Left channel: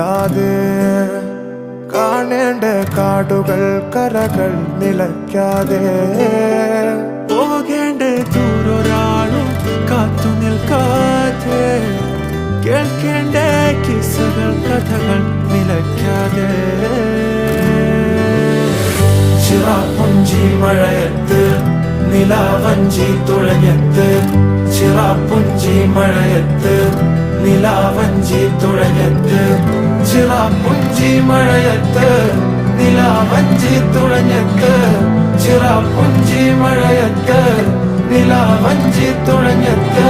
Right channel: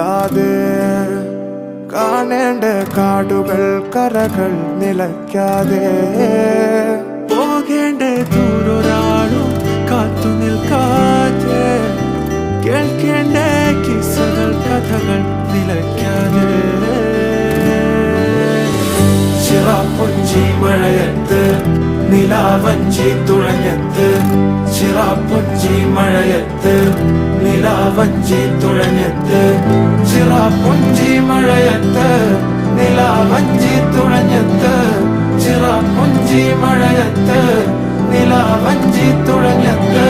നില്ലാതെ കാണേണ്ട കാടുകൾ കരകൾ നിലയ്ക്കാതെ പോകേണ്ട ദൂരൊരാളും കാത്തു നിൽക്കാതെ കേൾക്കേണ്ട കിസ്സകൾ കഥകൾ നിലയ്ക്കാതെ ചിറാപ്പുഞ്ചി മഴയത്ത് നിലാവഞ്ചി തുഴഞ്ഞത്ത് ചിറാപ്പുഞ്ചി മഴയത്ത് നിലാവഞ്ചി തുഴഞ്ഞത്ത് ചിറാപ്പുഞ്ചി മഴയത്ത് നിലാവഞ്ചി തുഴഞ്ഞത്ത് ചിറാപ്പുഞ്ചി മഴയത്ത് നിലാവഞ്ചി തുഴഞ്ഞത്ത്